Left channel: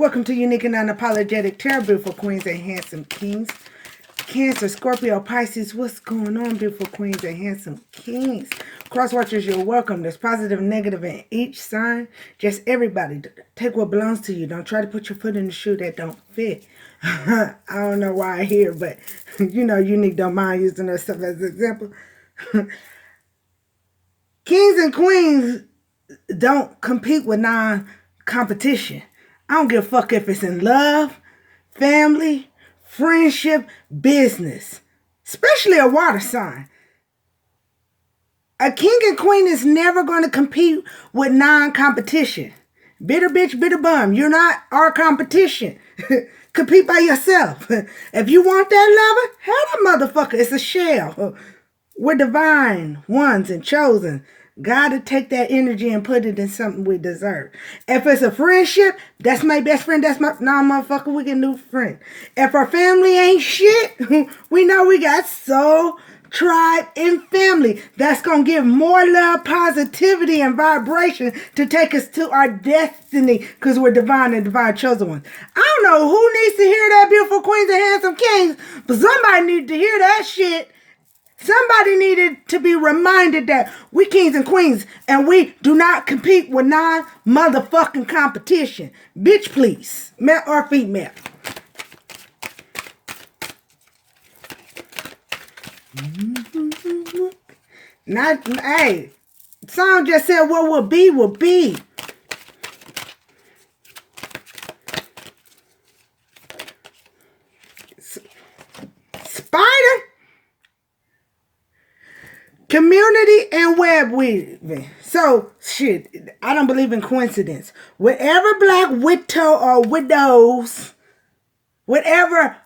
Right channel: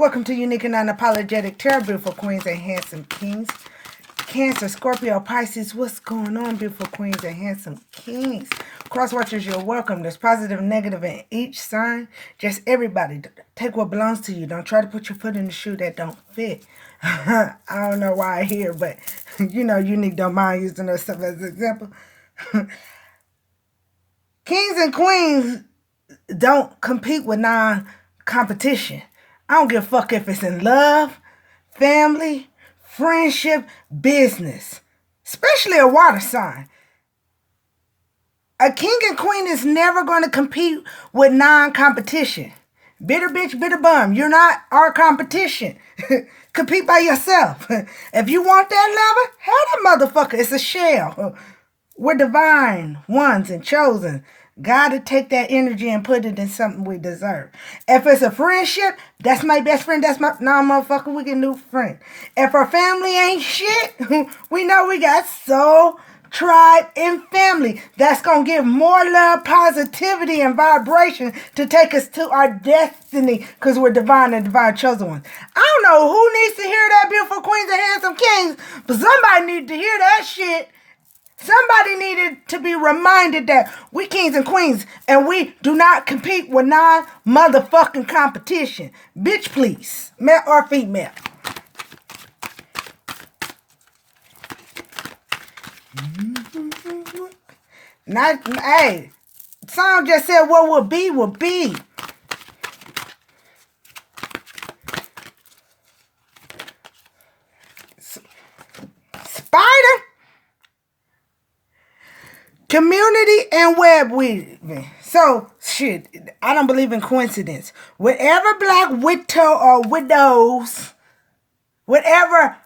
Welcome to Unique and Unapologetic Tarot, beautiful queens and handsome kings. Cancer, Scorpio, Pisces, what's going on, beautiful queens and handsome kings? Cross watchers, you're welcome. There's positive and negative in each sign. Just everybody, take what belongs to you. Don't try to put your foot in the shoe that don't fit. I don't know why I hear, but you know, Unique don't mind using that stuff as an example. Kings and queens don't compete with non-competition. I don't give a fuck if it's in love, family, friendship, business, especially a water sign. A king and queen is never going to compete with non-competition. Bitter bitch, bitter bum. You're not our competition. Compete by yourself. If you want that lover, have that motherfucker. It's a shell. We're divine ones and chosen. God to take that energy and put it in something we deserve. If it's a friendship, that's my best friend. That's my motherfucker. We get a new friend. If our family ain't shit, we know we got soul, tribe, and family. That's gonna give more love, positivity, and vibration to take us to our destiny, because we're divine and divine chosen ones. I don't know who needs to hear that, beautiful queens and handsome kings, but somebody needs to hear that shit. Somebody needed to be reminded that we kings and queens and we do not compete with non-motherfucking competition. Bitch, please. Male or female. Hey, song just said what would be will be. Spider. Community and web weaving. So, shit, I don't believe in coincidence. Whatever black widow or widows, whatever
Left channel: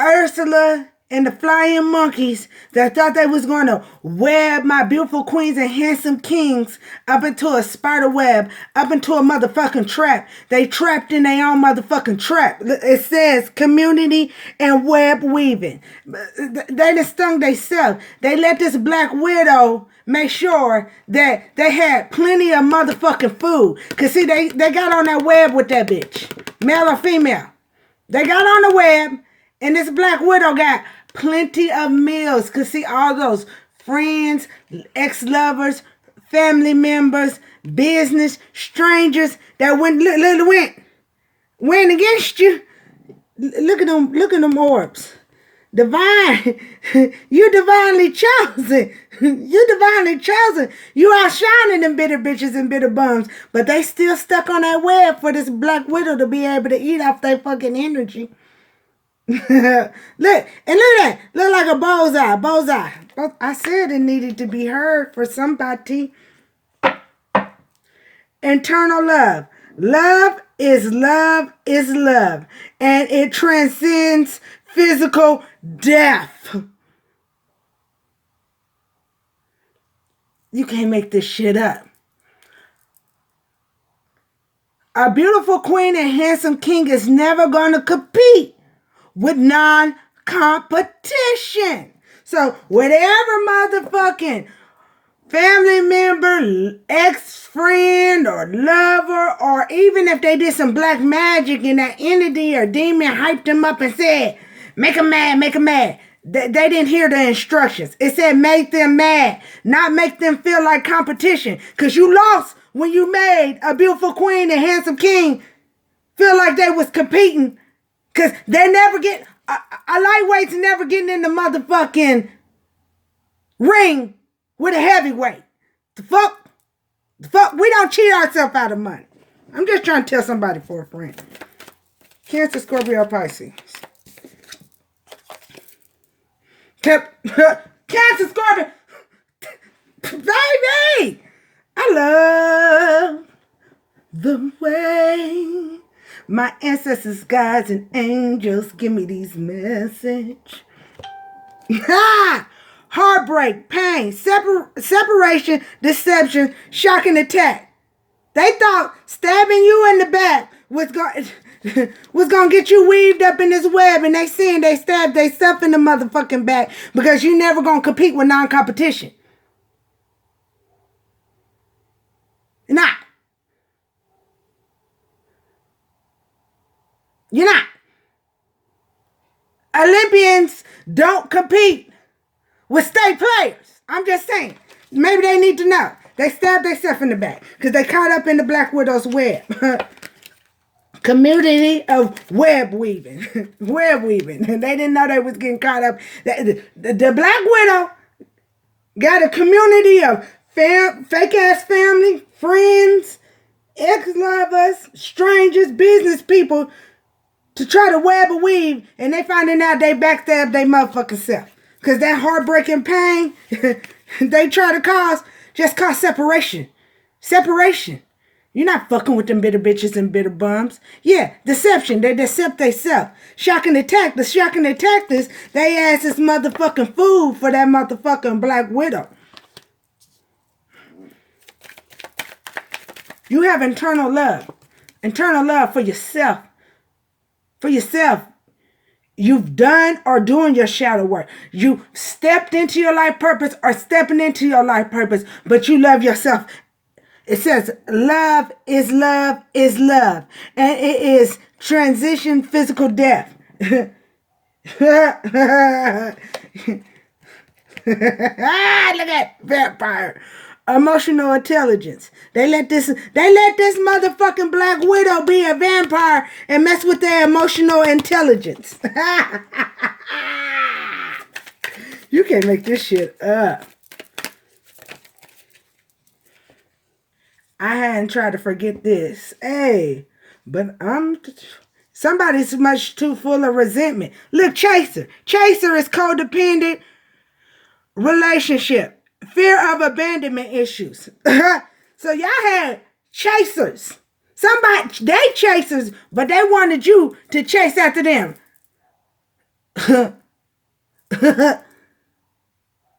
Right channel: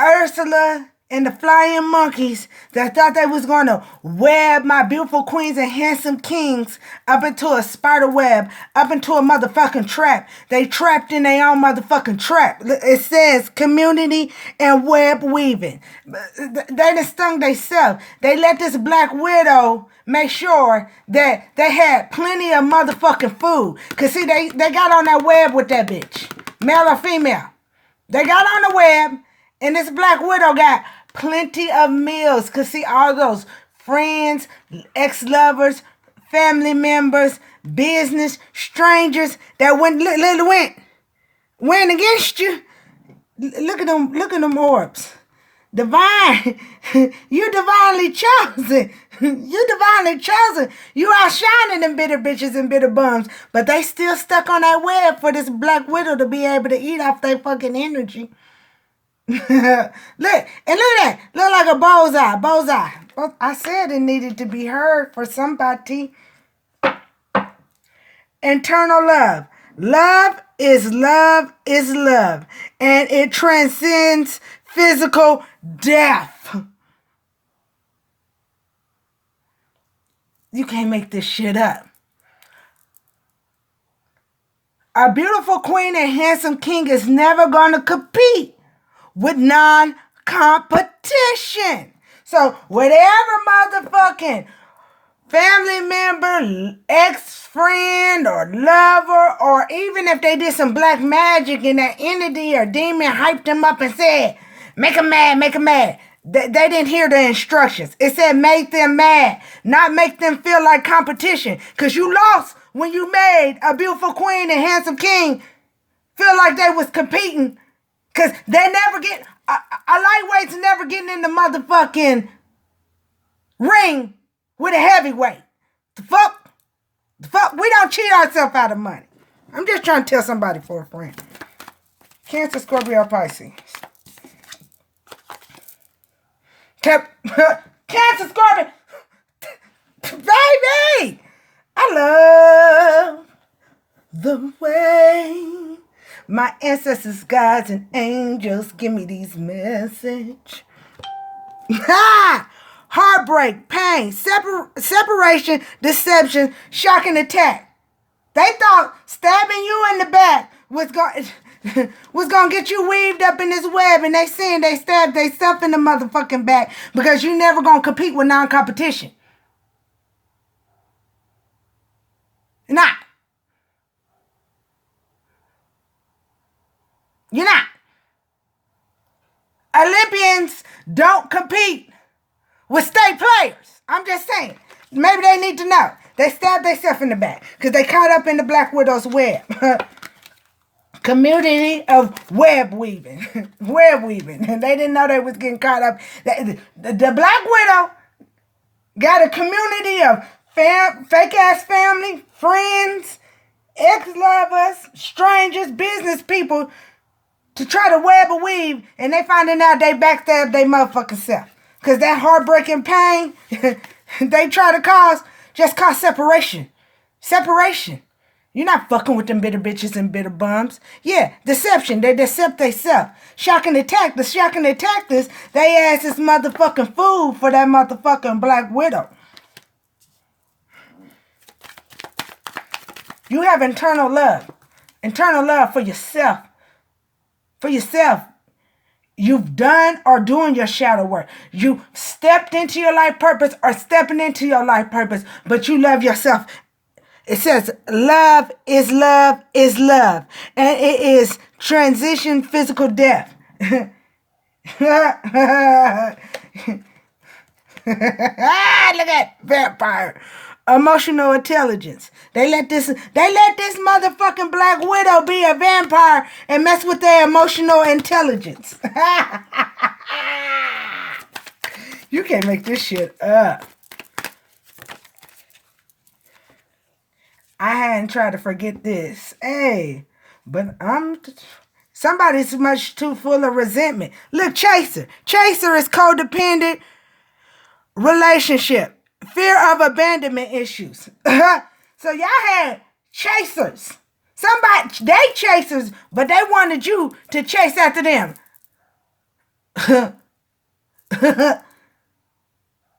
Ursula and the flying monkeys that thought they was going to web my beautiful queens and handsome kings up into a spider web, up into a motherfucking trap. They trapped in their own motherfucking trap. It says community and web weaving. They just stung themselves. They let this black widow make sure that they had plenty of motherfucking food. Because see, they got on that web with that bitch. Male or female. They got on the web, and this black widow got plenty of meals. Because see, all those friends, ex-lovers, family members, business, strangers that went against you. Look at them orbs. Divine. You're divinely chosen. You're divinely chosen. You outshining them bitter bitches and bitter bums. But they still stuck on that web for this black widow to be able to eat off their fucking energy. Look at that. Look like a bullseye. I said it needed to be heard for somebody. Internal love. Love is love is love. And it transcends physical death. You can't make this shit up. A beautiful queen and handsome king is never going to compete with non-competition. So whatever motherfucking family member, ex-friend, or lover, or even if they did some black magic and that entity or demon hyped them up and said, make them mad, make them mad. They didn't hear the instructions. It said make them mad, not make them feel like competition. Because you lost when you made a beautiful queen and handsome king feel like they was competing. Because they never get, a lightweight's never getting in the motherfucking ring with a heavyweight. The fuck? We don't cheat ourselves out of money. I'm just trying to tell somebody for a friend. Cancer, Scorpio, Pisces. Cancer, Scorpio. Baby! I love the way my ancestors, guides, and angels give me these messages. Heartbreak, pain, separation, deception, shock, and attack. They thought stabbing you in the back was going to get you weaved up in this web, and they stabbed they stuff in the motherfucking back because you never going to compete with non-competition. Nah. You're not. Olympians don't compete with state players. I'm just saying. Maybe they need to know. They stabbed themselves in the back because they caught up in the Black Widow's web. Community of web weaving. Web weaving. They didn't know they was getting caught up. The Black Widow got a community of fake-ass family, friends, ex-lovers, strangers, business people to try to web a weave, and they finding out they backstabbed their motherfucking self. Because that heartbreaking pain they try to cause just cause separation. Separation. You're not fucking with them bitter bitches and bitter bums. Yeah, deception. They decept themselves. Shocking attack. The shocking tactics, they ass is motherfucking food for that motherfucking Black Widow. You have internal love. Internal love for yourself. For yourself. You've done or doing your shadow work. You stepped into your life purpose or stepping into your life purpose, but you love yourself. It says love is love is love. And it is transition physical death. Look at vampire. Emotional intelligence. They let this motherfucking Black Widow be a vampire and mess with their emotional intelligence. You can't make this shit up. I hadn't tried to forget this. Hey, but somebody's much too full of resentment. Look, Chaser. Chaser is codependent relationship. Fear of abandonment issues. So y'all had chasers. They chasers, but they wanted you to chase after them.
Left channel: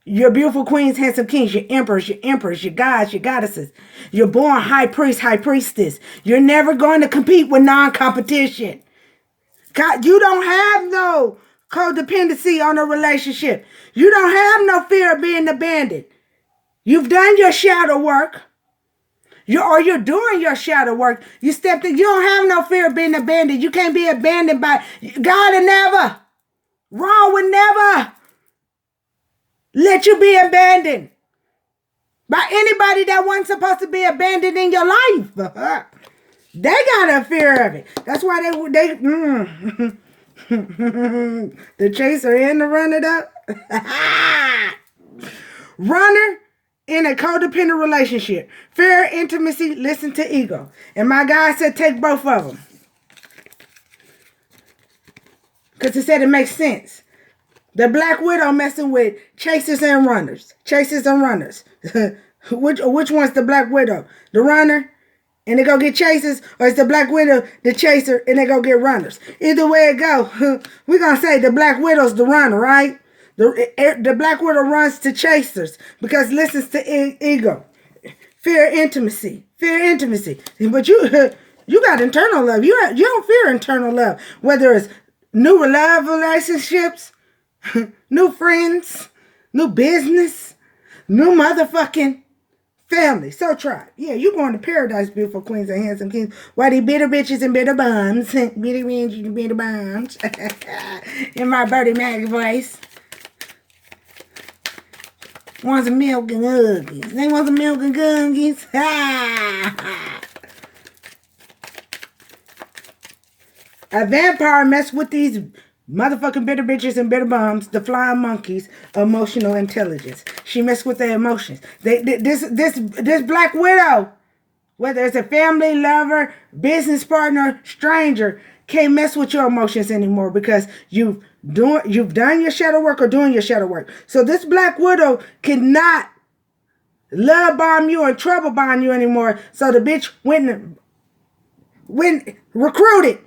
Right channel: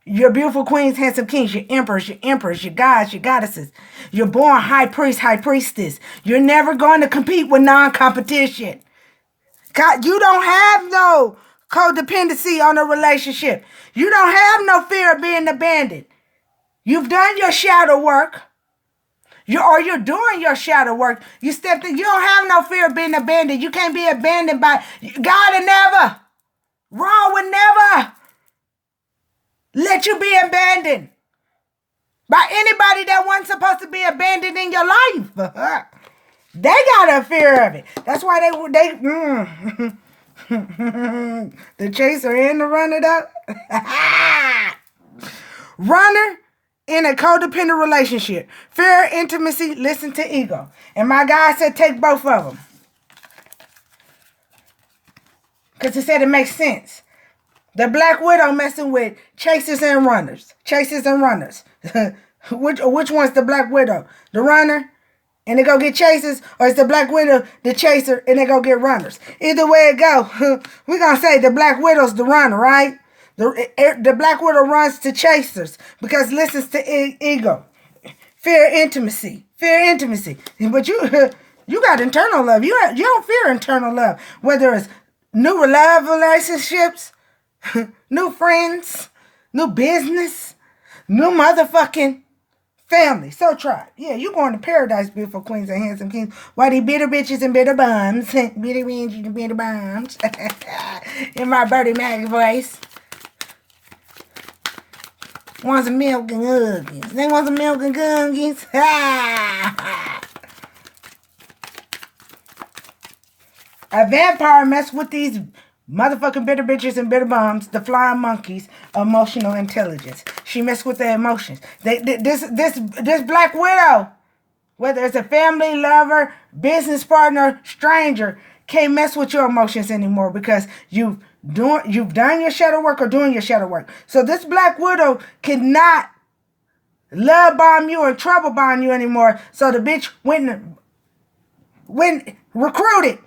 Your beautiful queens, handsome kings, your emperors, your gods, your goddesses. You're born high priest, high priestess. You're never going to compete with non-competition. You don't have no codependency on a relationship. You don't have no fear of being abandoned. You've done your shadow work. You're doing your shadow work. You don't have no fear of being abandoned. You can't be abandoned by God and never. Wrong would never let you be abandoned by anybody that wasn't supposed to be abandoned in your life. They got a fear of it. That's why they the chaser and the runner though. Runner in a codependent relationship. Fear, intimacy, listen to ego. And my guy said take both of them. Because he said it makes sense. The Black Widow messing with chasers and runners. Chasers and runners. Which one's the Black Widow? The runner? And they go get chasers? Or is the Black Widow the chaser and they go get runners? Either way it go, we're going to say the Black Widow's the runner, right? The Black Widow runs to chasers because listens to ego. Fear intimacy. Fear intimacy. But you got internal love. You don't fear internal love. Whether it's new love relationships, new friends, new business, new motherfucking family. So try. Yeah, you going to paradise, beautiful queens and handsome kings. Why they bitter bitches and bitter bums. Bitter bitches and bitter bums. In my Bertie Mac voice. Want some milk and cookies. They want some milk and cookies. A vampire mess with these motherfucking bitter bitches and bitter bums, the flying monkeys, emotional intelligence. She messed with their emotions. This Black Widow, whether it's a family, lover, business partner, stranger, can't mess with your emotions anymore because you've done your shadow work or doing your shadow work. So this Black Widow cannot love bomb you and trouble bomb you anymore. So the bitch went recruited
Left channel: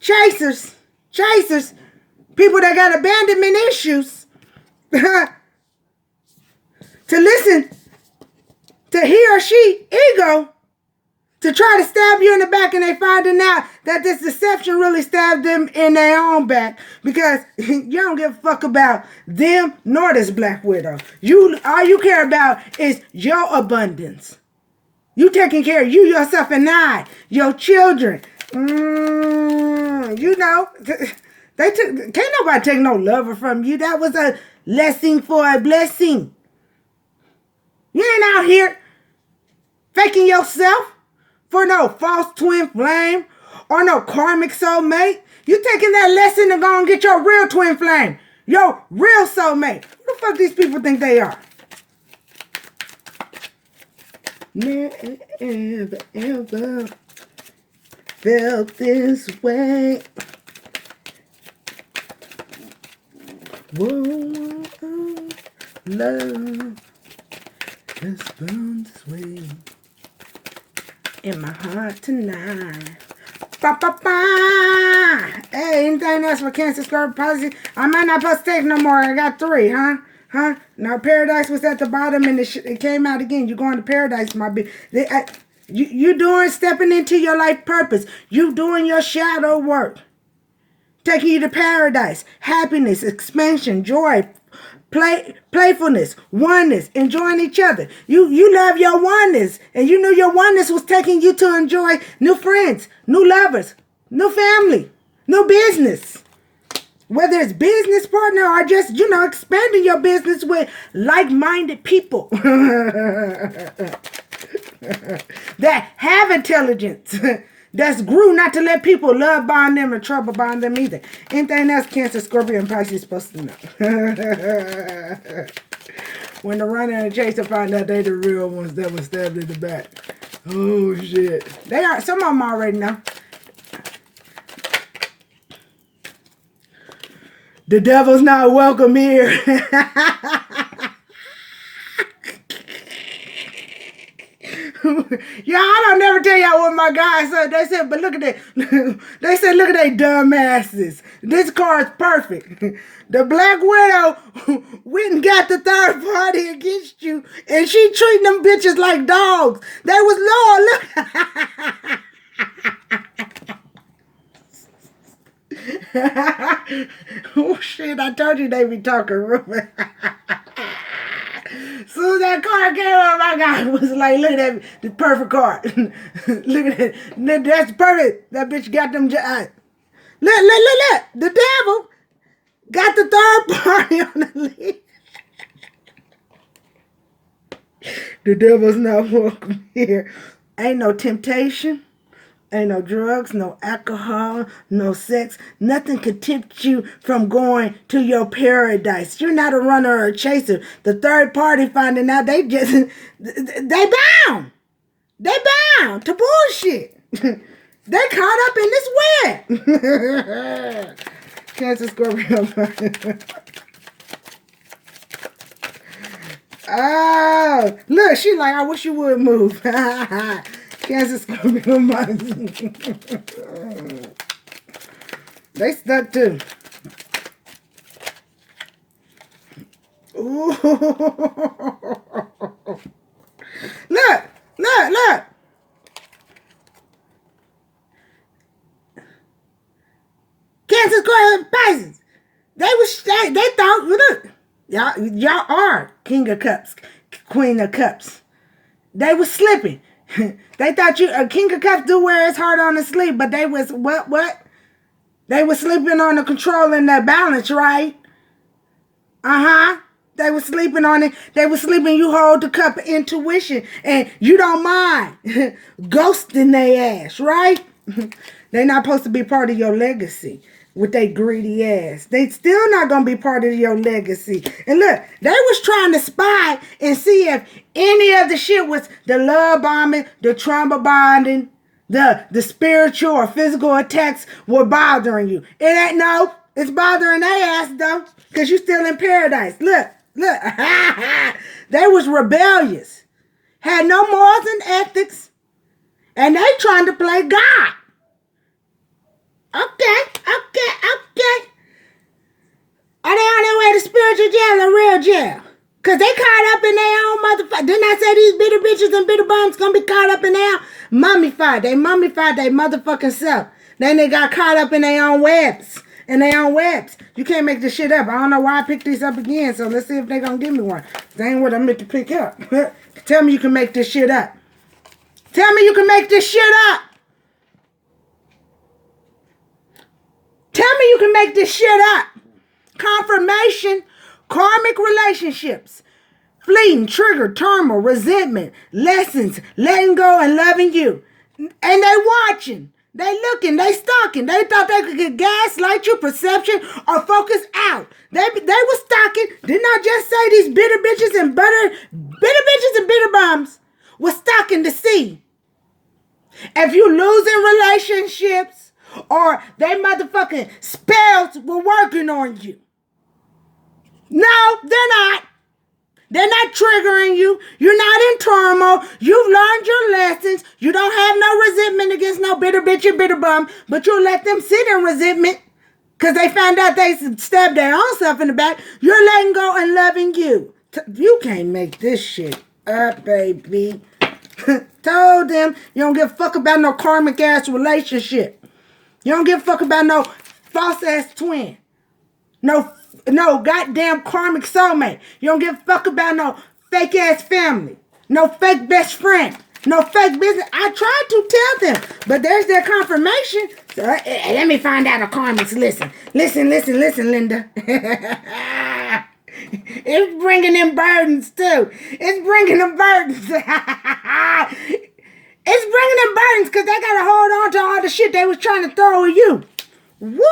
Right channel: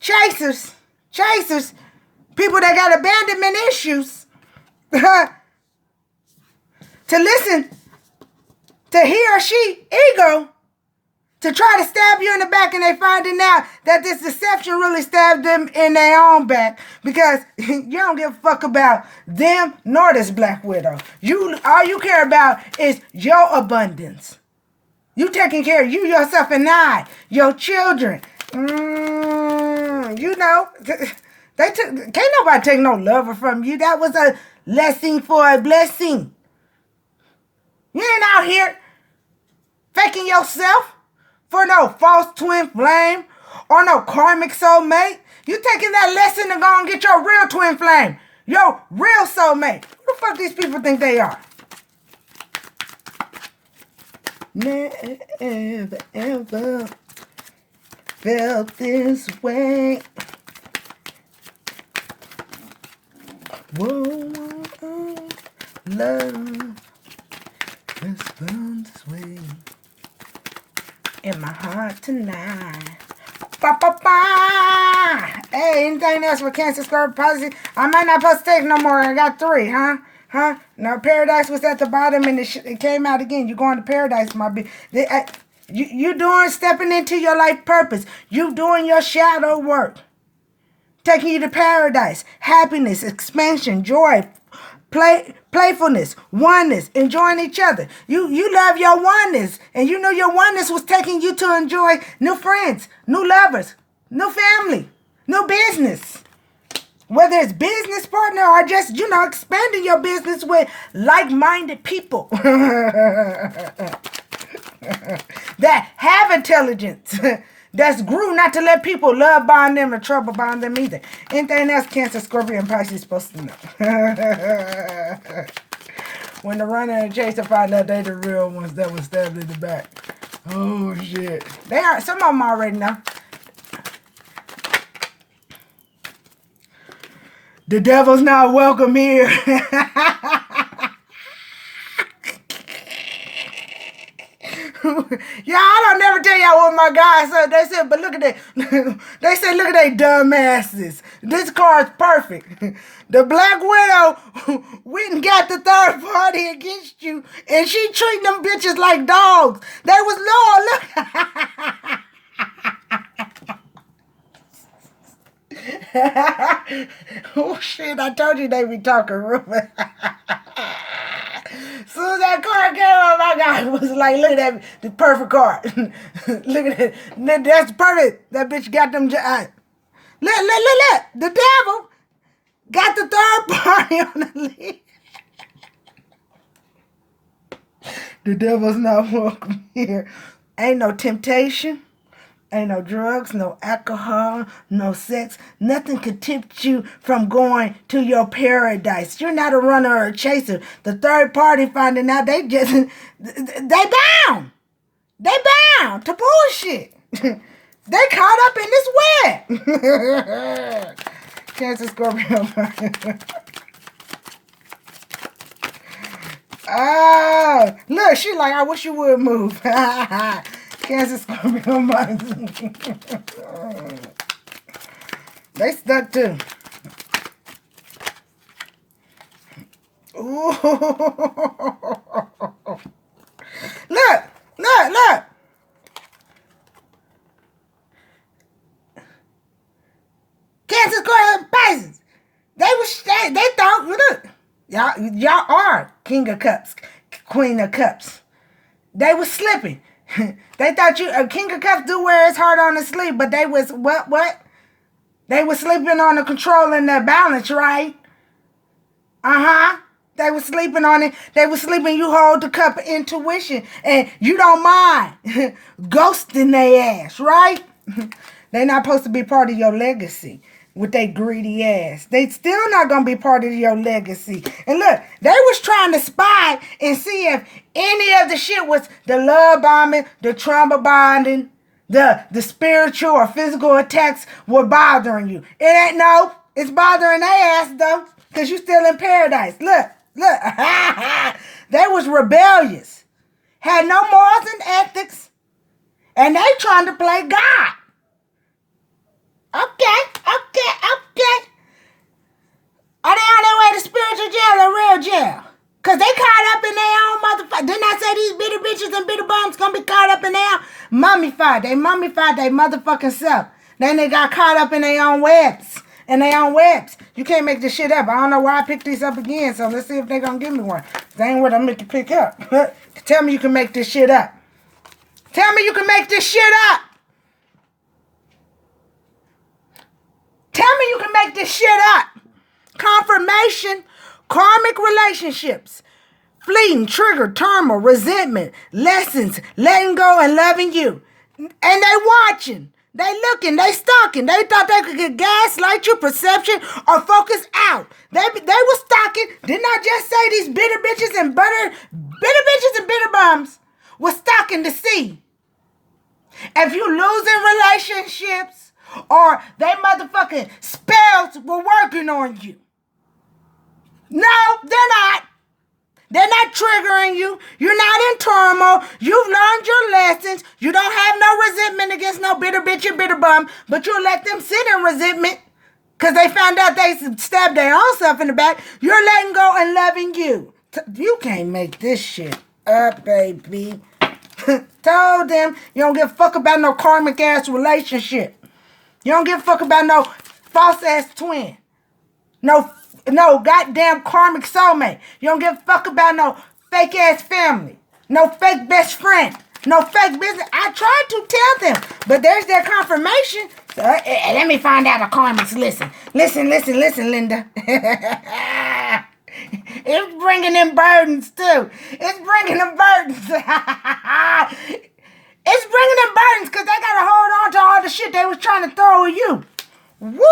chasers, people that got abandonment issues, to listen to he or she ego to try to stab you in the back, and they finding out that this deception really stabbed them in their own back because you don't give a fuck about them nor this Black Widow. All you care about is your abundance. You taking care of you, yourself, and your children. You you know, can't nobody take no lover from you. That was a lesson for a blessing. You ain't out here faking yourself for no false twin flame or no karmic soulmate. You taking that lesson to go and get your real twin flame, your real soulmate. Who the fuck these people think they are? Never ever felt this way. Whoa, love has found its way in my heart tonight. Ba, ba, ba. Hey, anything else for Cancer, Scorpio Pisces? I might not supposed to take no more. I got 3, huh? No, paradise was at the bottom and it came out again. You going to paradise, my bitch. You stepping into your life purpose. You doing your shadow work. Taking you to paradise. Happiness, expansion, joy, playfulness, oneness, enjoying each other. You love your oneness. And you know your oneness was taking you to enjoy new friends, new lovers, new family, new business. Whether it's business partner or just, expanding your business with like-minded people that have intelligence, that's grew not to let people love bond them and trouble bond them either. Anything else Cancer, Scorpio, and Pisces supposed to know. When the runner and chaser find out they the real ones that was stabbed in the back. Oh, shit. They are. Some of them already know. The devil's not welcome here. Yeah, I don't never tell y'all what my guys said. They said, but look at that. They said, look at they dumb asses. This card's perfect. The Black Widow went and got the third party against you, and she treating them bitches like dogs. They was look. Oh shit, I told you they be talking rumor. Soon as that card came out, my guy was like, look at that, the perfect card. Look at it. That's perfect. That bitch got them. Look. The devil got the third party on the list. The devil's not welcome here. Ain't no temptation. Ain't no drugs, no alcohol, no sex. Nothing could tempt you from going to your paradise. You're not a runner or a chaser. The third party finding out they bound. They bound to bullshit. They caught up in this web. Cancer, Scorpio. Oh, look, she like, I wish you would move. Cancer, Scorpio, they stuck too. Ooh. Look. Cancer, Scorpio, Pisces. They thought, look, y'all are King of Cups, Queen of Cups. They was slipping. They thought a King of Cups do wear his heart on the sleeve, but they was, what? They was sleeping on the control and their balance, right? They was sleeping on it. They was sleeping, you hold the cup of intuition, and you don't mind ghosting their ass, right? They're not supposed to be part of your legacy with their greedy ass. They still not going to be part of your legacy. And look, they was trying to spy and see if any of the shit was the love bombing, the trauma bonding, the spiritual or physical attacks were bothering you. It ain't no. It's bothering their ass, though, because you still in paradise. Look. They was rebellious. Had no morals and ethics. And they trying to play God. Okay. Are they on their way to spiritual jail or real jail? Because they caught up in their own motherfucker. Didn't I say these bitter bitches and bitter bums going to be caught up in their mummified? They mummified their motherfucking self. Then they got caught up in their own webs. You can't make this shit up. I don't know why I picked these up again, so let's see if they're going to give me one. They ain't what I'm making pick up. Tell me you can make this shit up. Tell me you can make this shit up. you can make this shit up. Confirmation, karmic relationships, fleeting, trigger, turmoil, resentment, lessons, letting go and loving you. And they watching. They looking, they stalking. They thought they could gaslight your perception or focus out. They were stalking. Didn't I just say these bitter bitches and bitter bums were stalking to see if you losing relationships or they motherfucking spells were working on you. No, they're not. They're not triggering you. You're not in turmoil. You've learned your lessons. You don't have no resentment against no bitter bitch or bitter bum, but you'll let them sit in resentment because they found out they stabbed their own self in the back. You're letting go and loving you. You can't make this shit up, baby. Told them you don't give a fuck about no karmic ass relationship. You don't give a fuck about no false ass twin. No goddamn karmic soulmate. You don't give a fuck about no fake ass family. No fake best friend. No fake business. I tried to tell them, but there's their confirmation. So, let me find out the karmics. Listen, Linda. It's bringing in burdens too. It's bringing them burdens. It's bringing them burdens because they got to hold on to all the shit they was trying to throw at you. Woo!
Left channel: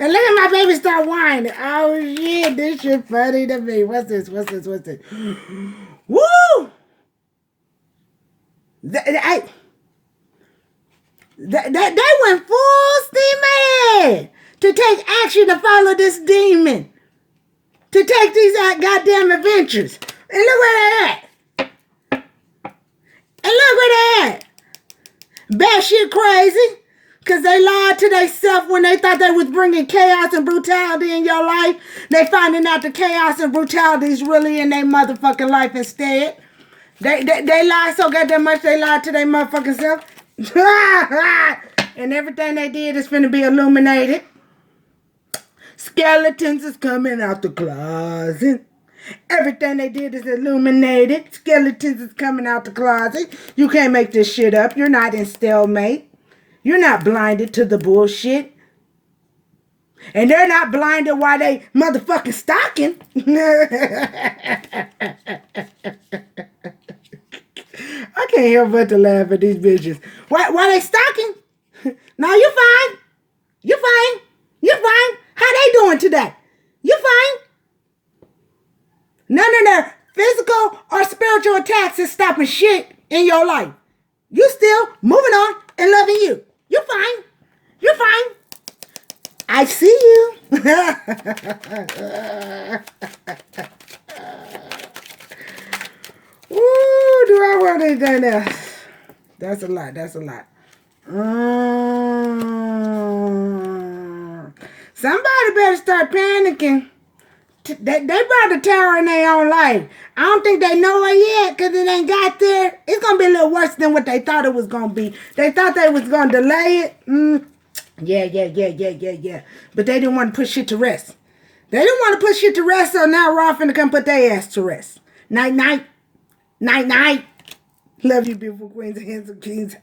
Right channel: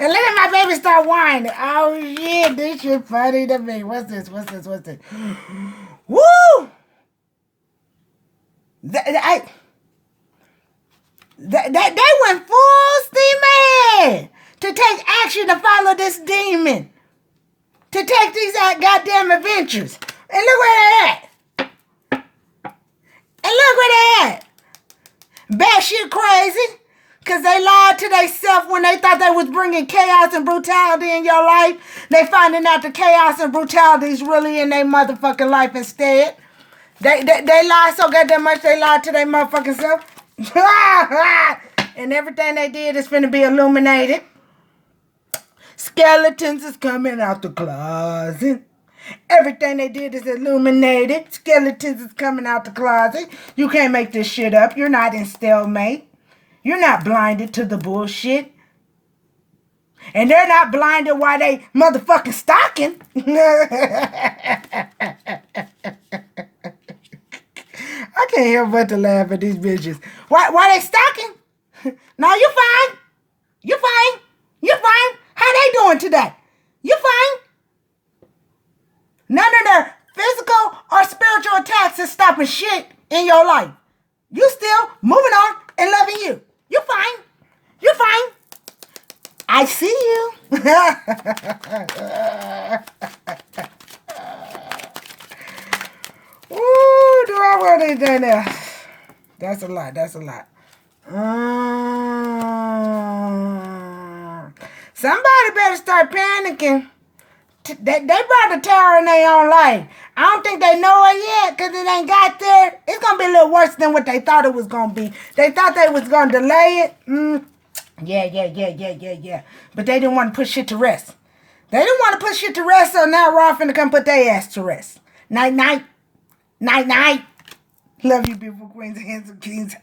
And look at my baby start whining. Oh shit, this shit funny to me. What's this? Woo! They went full steam ahead to take action to follow this demon. To take these goddamn adventures. And look where they're at. And look where they're at. Batshit crazy. Because they lied to themselves when they thought they was bringing chaos and brutality in your life. They finding out the chaos and brutality is really in their motherfucking life instead. They lied so goddamn much they lied to their motherfucking self. And everything they did is finna be illuminated. Skeletons is coming out the closet. Everything they did is illuminated. Skeletons is coming out the closet. You can't make this shit up. You're not in stalemate. You're not blinded to the bullshit. And they're not blinded while they motherfucking stalking. I can't help but to laugh at these bitches. Why they stalking? No, you fine. You fine. You fine. How they doing today? You fine. None of their physical or spiritual attacks is stopping shit in your life. You still moving on and loving you. You fine. You fine. I see you. Ooh, do I really do that? That's a lot. Somebody better start panicking. They brought the terror in their own life. I don't think they know it yet because it ain't got there. It's going to be a little worse than what they thought it was going to be. They thought they was going to delay it. Yeah. But they didn't want to put shit to rest. They didn't want to put shit to rest, so now Raw finna come put their ass to rest. Night. Love you, beautiful queens and handsome kings.